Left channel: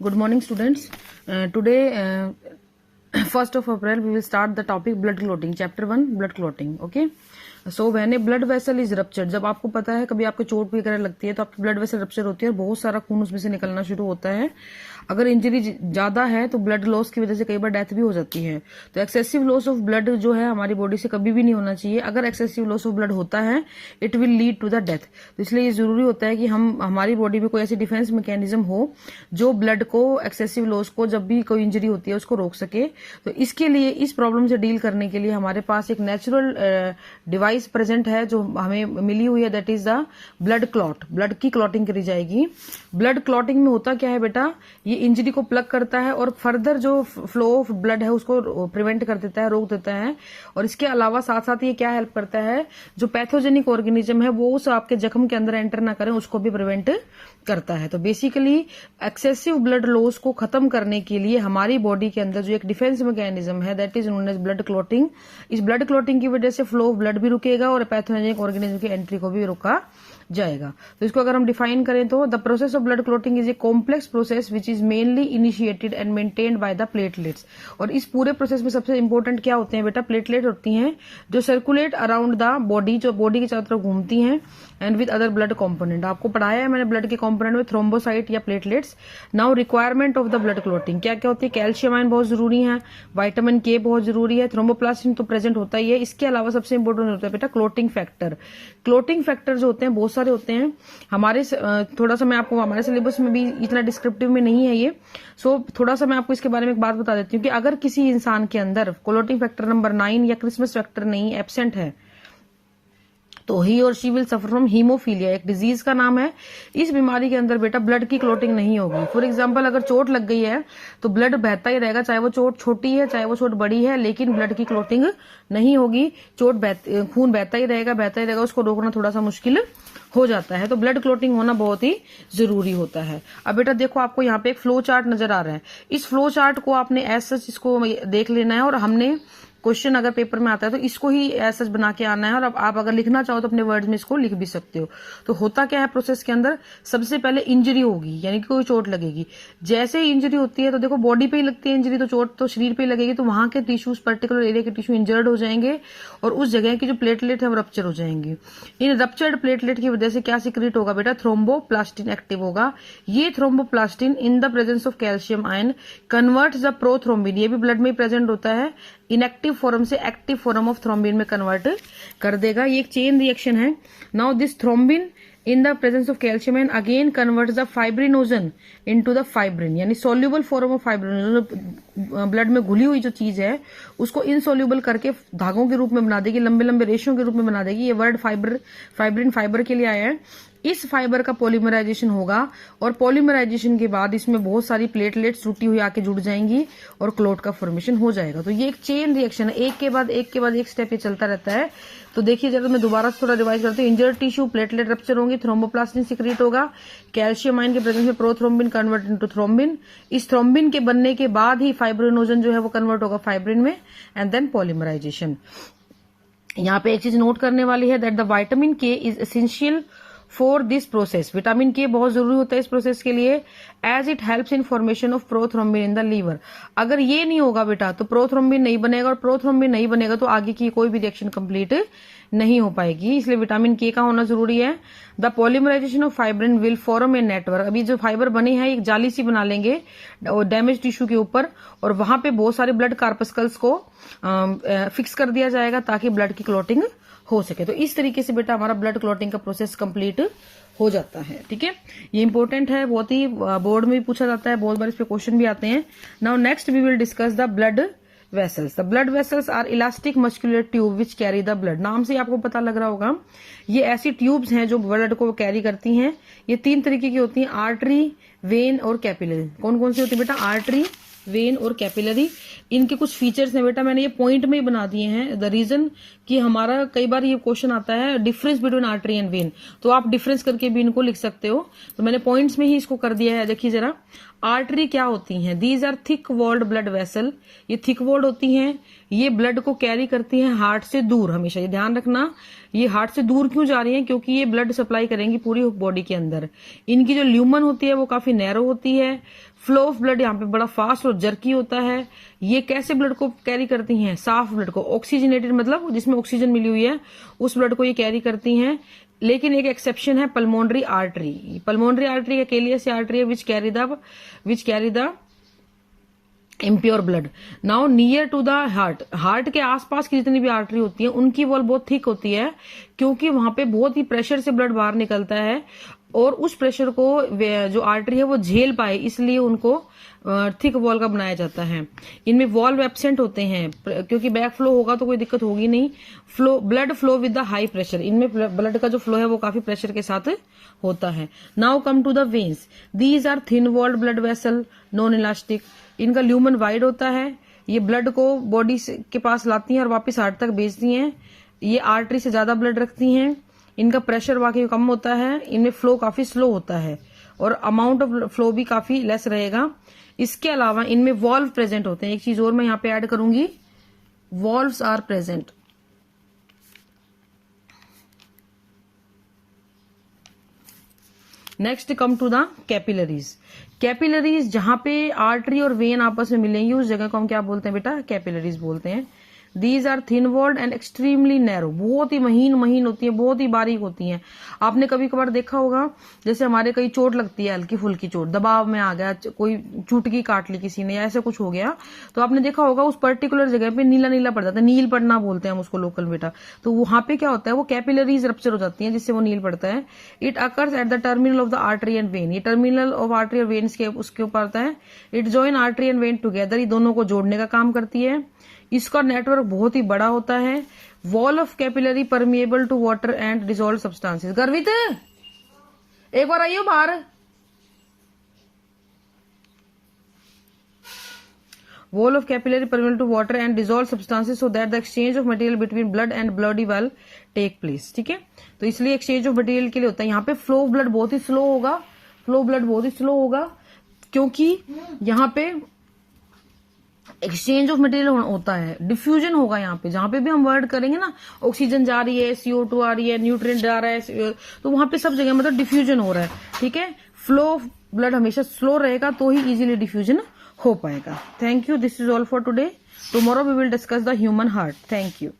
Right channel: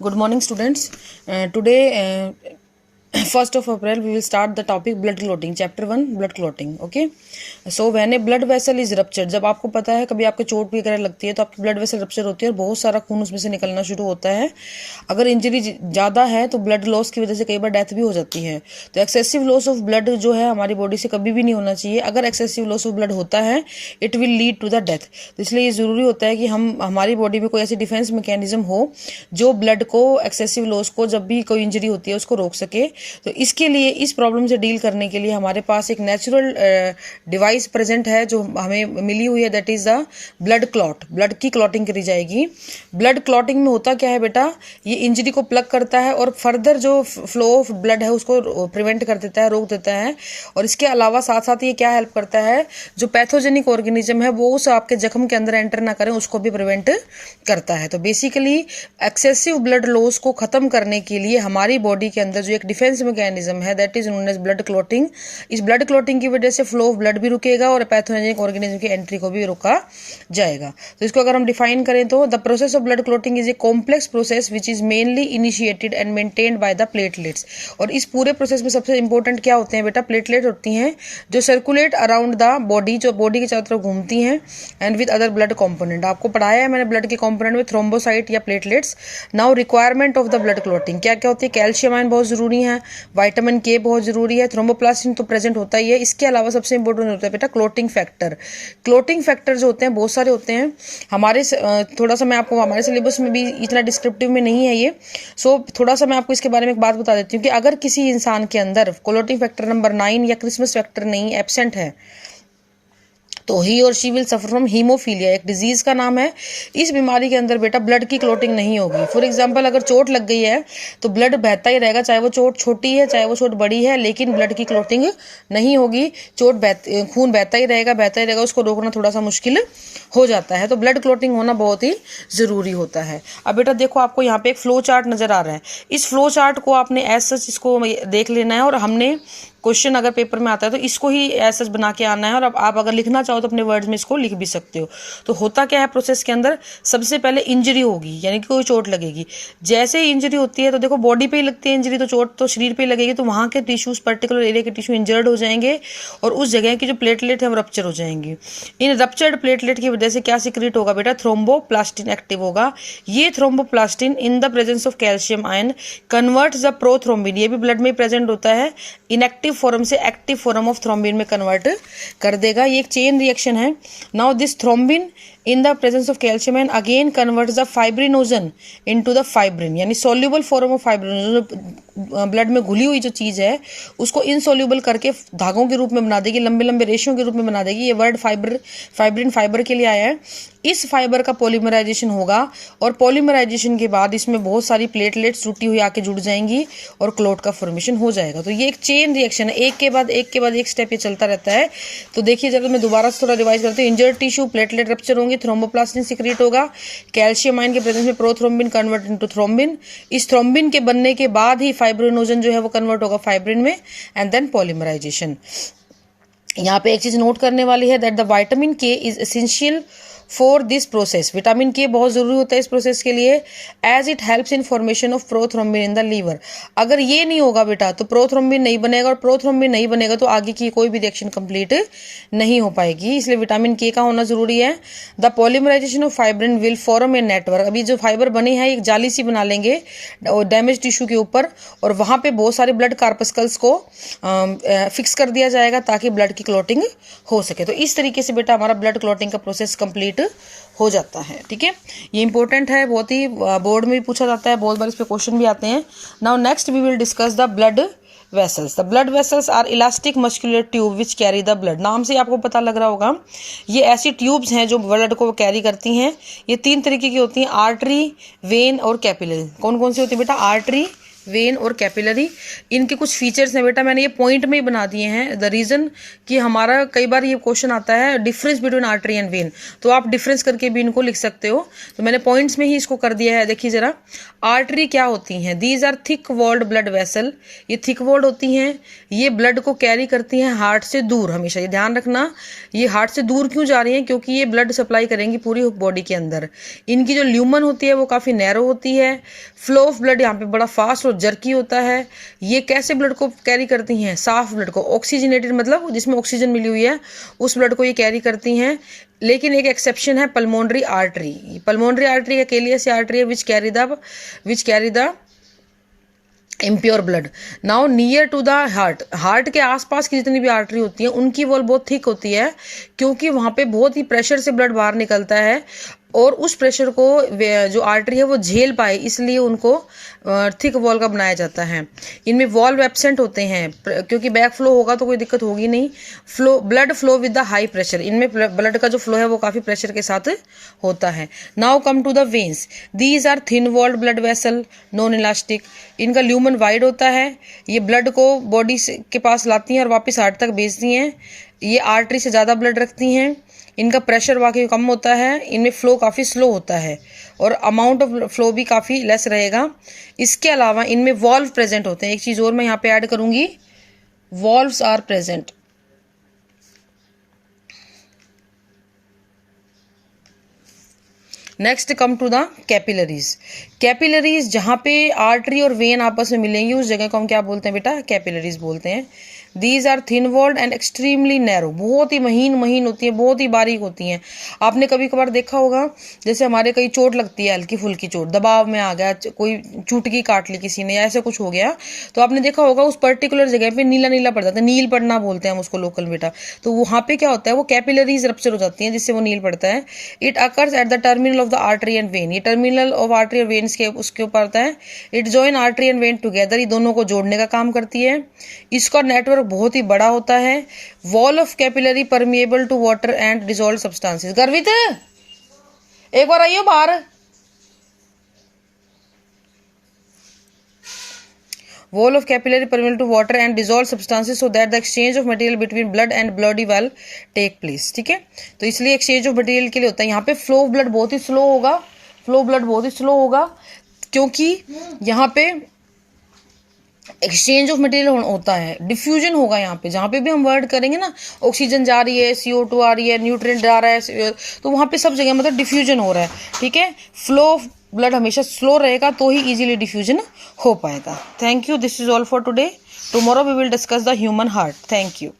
Good morning, students. Today, 1st of April, we will start the topic blood clotting. Chapter 1, blood clotting. Okay. So when A blood vessel is ruptured, जब आपको पता है कभी आपके चोट वगैरह लगती है तो आपकी ब्लड वेसल रप्चर होती है और बहुत सारा खून उसमें से निकलना शुरू होता है। अगर इंजरी ज़्यादा है तो ब्लड लॉस की वजह से कई बार डेथ भी हो जाती है। तो एक्सेसिव लॉस ऑफ ब्लड जो है हमारी बॉडी से कभी भी नहीं होना चाहिए। अगर एक्सेसिव लॉस ऑफ ब्लड होता है it will lead to the death. तो इसलिए ये ज़रूरी होता है कि हमारी बॉडी में कोई ऐसी डिफेंस मैकेनिज्म हो जो ब्लड को, एक्सेसिव लॉस को, जब भी कोई इंजरी होती है उसको रोक सके। तो इसके लिए, इस प्रॉब्लम से डील करने के लिए हमारे पास एक नेचुरल डिवाइस प्रेजेंट है जो हमें मिली हुई है, that is the blood clot. Blood की क्लॉटिंग करी जाएगी। ब्लड क्लॉटिंग में होता क्या है बेटा, ये इंजरी को प्लग करता है और फर्दर जो फ्लो ऑफ ब्लड है उसको प्रिवेंट कर देता है, रोक देता है। और इसके अलावा साथ साथ ये क्या हेल्प करता है, जो पैथोजेनिक ऑर्गेनिज्म है वो उस आपके जख्म के अंदर एंटर ना करें, उसको भी प्रिवेंट करता है। तो बेसिकली एक्सेसिव ब्लड लॉस को खत्म करने के लिए हमारी बॉडी के अंदर जो एक डिफेंस मैकेनिज्म है that is known as blood clotting. इस ब्लड क्लॉटिंग की वजह से फ्लो ऑफ ब्लड भी रुकेगा और पैथोजेनिक ऑर्गेनिज्म की एंट्री को भी रोका जाएगा। तो इसको अगर हम डिफाइन करें तो the process of blood clotting is a complex process which is mainly initiated and maintained by the platelets. और इस पूरे प्रोसेस में सबसे इंपॉर्टेंट क्या होते हैं बेटा, प्लेटलेट होती हैं जो सर्कुलेट अराउंड द बॉडी, जो बॉडी के चारों तरफ घूमती हैं, and with other blood component. आपको पढ़ाया है मैंने ब्लड के कॉम्पोनेंट में थ्रोम्बोसाइट या platelets. Now requirement of the blood clotting क्या क्या होती है, कैल्शियम आयन बहुत जरूरी है, विटामिन के बहुत जरूरी है, थ्रोम्बोप्लास्टिन तो प्रेजेंट होता ही है। इसके अलावा सबसे इंपॉर्टेंट होता है बेटा क्लॉटिंग फैक्टर। क्लॉटिंग फैक्टर जो होते हैं बहुत सारे होते हैं हमारे, थोड़ा सा मैं आपको, हमारे सिलेबस में भी इतना डिस्क्रिप्टिव में नहीं है ये, सो थोड़ा सा मैं आपको इसके बारे में एक बात बता देती हूँ कि अगर किसी इंसान के अंदर क्लॉटिंग फैक्टर नंबर 9 या क्रिसमस फैक्टर नहीं एब्सेंट है तो ही और she will suffer from haemophilia, एक डिजीज का नाम है। इस बीमारी के अंदर बेटा ब्लड की क्लॉटिंग नहीं होगी। फॉर एग्जांपल अगर चोट लग गई है तो ब्लड बहता ही रहेगा, चाहे वो चोट छोटी है चाहे वो चोट बड़ी है, लेकिन ब्लड की क्लॉटिंग नहीं होगी। खून बहता ही रहेगा, उसको रोकना थोड़ा सा मुश्किल हो जाता है। तो ब्लड क्लॉटिंग होना बहुत ही जरूरी होता है। अब बेटा देखो, आपको यहाँ पे एक फ्लो चार्ट नजर आ रहा है। इस फ्लो चार्ट को आपने एज सच इसको देख लेना है और हमने क्वेश्चन अगर पेपर में आता है तो इसको ही एज सच बना के आना है। और अब आप अगर लिखना चाहो तो अपने वर्ड्स में इसको लिख भी सकते हो। तो होता क्या है प्रोसेस के अंदर, सबसे पहले इंजरी होगी यानी कि कोई चोट लगेगी। जैसे ही इंजरी होती है तो देखो बॉडी पे ही लगती है इंजरी, तो चोट तो शरीर पे ही लगेगी, तो वहाँ के टिश्यूज, पर्टिकुलर एरिया के टिश्यू इंजर्ड हो जाएंगे और उस जगह की जो प्लेटलेट है वो रप्चर हो जाएंगी। इन रप्चर्ड प्लेटलेट की वजह से क्या सिक्रीट होगा बेटा, थ्रोम्बोप्लास्टिन एक्टिव होगा। ये thromboplastin in the presence of calcium ion converts the prothrombin, ये भी ब्लड में प्रेजेंट होता है, इनएक्टिव फॉर्म से एक्टिव फॉर्म ऑफ थ्रोम्बिन में कन्वर्ट कर देगा। ये एक चेन रिएक्शन है। Now this thrombin in the presence of calcium and again converts the fibrinogen into the fibrin, यानी soluble form of fibrinogen, blood में घुली हुई जो चीज है उसको इनसोल्यूबल करके धागों के रूप में बना देगी, लंबे लंबे रेशों के रूप में बना देगी। ये वर्ड फाइब्रिन फाइबर के लिए आया है। इस फाइबर का पॉलीमराइजेशन होगा और पॉलीमराइजेशन के बाद इसमें बहुत सारी प्लेटलेट्स टूटी हुई आके जुड़ जाएंगी और क्लोट का फॉर्मेशन हो जाएगा। तो ये एक चेन रिएक्शन है, एक के बाद एक स्टेप ये चलता रहता है। तो देखिए जरा मैं दोबारा से थोड़ा रिवाइज करती हूँ। इंजर्ड टिश्यू, प्लेटलेट रप्चर होंगे, थ्रोम्बोप्लास्टिन सिक्रीट होगा, कैल्शियम आयन के प्रेजेंस में प्रोथ्रोम्बिन कन्वर्ट इनटू थ्रोम्बिन। इस थ्रोम्बिन के बनने के बाद ही फाइब्रिनोजन जो है वो कन्वर्ट होगा फाइब्रिन में एंड देन पॉलीमराइजेशन। यहाँ पे एक चीज नोट करने वाली है that the vitamin K is essential for this process. Vitamin K बहुत जरूरी होता है इस प्रोसेस के लिए, as it helps in formation of prothrombin in the liver. अगर ये नहीं होगा बेटा तो प्रोथ्रोम्बिन नहीं बनेगा, और प्रोथ्रोम्बिन नहीं बनेगा तो आगे की कोई भी रिएक्शन कंप्लीट नहीं हो पाएगी। इसलिए विटामिन के का होना जरूरी है। The polymerisation of fibrin will form a network. अभी जो फाइबर बने हैं एक जाली सी बना लेंगे डैमेज टिश्यू के ऊपर और वहां पे बहुत सारे ब्लड कार्पस्कल्स को फिक्स कर दिया जाएगा ताकि ब्लड की क्लॉटिंग हो सके। तो इस तरीके से बेटा हमारा ब्लड क्लॉटिंग का प्रोसेस कंप्लीट हो जाता है। ठीक है, ये इंपॉर्टेंट है, बहुत ही बोर्ड में भी पूछा जाता है, बहुत बार इस पे क्वेश्चन भी आते हैं। Now next we will discuss the blood vessels. The blood vessels are elastic muscular tube which carry the blood. नाम से आपको पता लग रहा होगा ये ऐसी ट्यूब्स हैं जो ब्लड को कैरी करती हैं। ये 3 तरीके की होती हैं, आर्टरी, वेन और कैपिलरी। कौन कौन सी होती है बेटा, आर्टरी, वेन और कैपिलरी। इनके कुछ फीचर्स हैं बेटा, मैंने ये पॉइंट में ही बना दिए हैं। द रीजन कि हमारा कई बार ये क्वेश्चन आता है difference between artery and when, तो आप डिफरेंस करके भी इनको लिख सकते हो, तो मैंने पॉइंट्स में ही इसको कर दिया है। देखिए जरा, आर्टरी क्या होती हैं? These are thick walled blood vessel, ये थिक वॉल्ड होती हैं, ये ब्लड को कैरी करती हैं हार्ट से दूर। हमेशा ये ध्यान रखना, ये हार्ट से दूर क्यों जा रही हैं? क्योंकि ये ब्लड सप्लाई करेंगी पूरी बॉडी के अंदर। इनकी जो ल्यूमन होती है वो काफी नैरो होती है। फ्लो ऑफ ब्लड यहाँ पे बड़ा फास्ट और जर्की होता है। ये कैसे ब्लड को कैरी करती हैं? साफ ब्लड को, ऑक्सीजनेटेड मतलब जिसमें ऑक्सीजन मिली हुई है उस ब्लड को ये कैरी करती हैं। लेकिन एक एक्सेप्शन है, पल्मोनरी आर्टरी। पल्मोनरी आर्टरी अकेली ऐसी आर्टरी है which carry the impure blood. Now near to the heart, heart के आसपास की जितनी भी आर्टरी होती है उनकी वॉल बहुत थिक होती है, क्योंकि वहां पे बहुत ही प्रेशर से ब्लड बाहर निकलता है और उस प्रेशर को जो आर्टरी है वो झेल पाए, इसलिए उनको थिक वॉल का बनाया जाता है। इनमें वॉल्व एब्सेंट होते हैं, क्योंकि बैक फ्लो होगा तो कोई दिक्कत होगी नहीं। Blood flow with the high pressure, इनमें ब्लड का जो फ्लो है वो काफी प्रेशर के साथ होता है। Now come to the veins, these are thin walled blood vessel non elastic. इनका ल्यूमन वाइड होता है, ये ब्लड को बॉडी के पास लाती हैं और वापस हार्ट तक भेजती हैं। ये आर्टरी से ज्यादा ब्लड रखती हैं। इनका प्रेशर वाकई कम होता है, इनमें फ्लो काफ़ी स्लो होता है और अमाउंट ऑफ फ्लो भी काफ़ी लेस रहेगा। इसके अलावा इनमें वॉल्व प्रेजेंट होते हैं। एक चीज़ और मैं यहाँ पे ऐड करूंगी, valves are present. Next come to the capillaries. Capillaries जहाँ पे आर्टरी और वेन आपस में मिलेंगी उस जगह को हम क्या बोलते हैं बेटा? कैपिलरीज बोलते हैं। These are thin walled and extremely narrow, बहुत ही महीन होती है, बहुत ही बारीक होती हैं। आपने कभी कभार देखा होगा, जैसे हमारे कहीं चोट लगती है, हल्की फुल्की चोट, दबाव में आ गया, कोई चुटकी काट ली किसी ने या ऐसा कुछ हो गया, तो आपने देखा होगा उस पर्टिकुलर जगह पे नीला नीला पड़ जाता है, नील पड़ना बोलते हैं हम उसको लोकल बेटा। तो वहां पे क्या होता है, वो कैपिलरीज रप्चर हो जाती हैं जिससे वो नील पड़ता है। It occurs at the terminal of the artery and when, ये टर्मिनल ऑफ आर्टरी और वेन्स के उसके ऊपर आता है। It join artery and when together, ये दोनों को जोड़ने का काम करती है। इसका नेटवर्क बहुत ही बड़ा होता है। Wall of capillary permeable to water and dissolve substances. Garvit एक बार आइयो बाहर। Wall of capillary permeable to water and dissolve substances so that the exchange of material between blood and bloody valve take place। ठीक है, तो इसलिए exchange of material के लिए होता है। यहाँ पे फ्लो ऑफ ब्लड बहुत ही स्लो होगा, क्योंकि यहाँ पे एक्सचेंज ऑफ मटेरियल होता है, डिफ्यूजन होगा। यहाँ पे जहाँ पे भी हम वर्ड करेंगे ना, ऑक्सीजन जा रही है, CO2 आ रही है, न्यूट्रिएंट जा रहा है, तो वहाँ पे सब जगह मतलब डिफ्यूजन हो रहा है। ठीक है, फ्लो ऑफ ब्लड हमेशा स्लो रहेगा तो ही इजीली डिफ्यूजन हो पाएगा। Thank you, this is all for today. Tomorrow we will discuss the human heart. Thank you.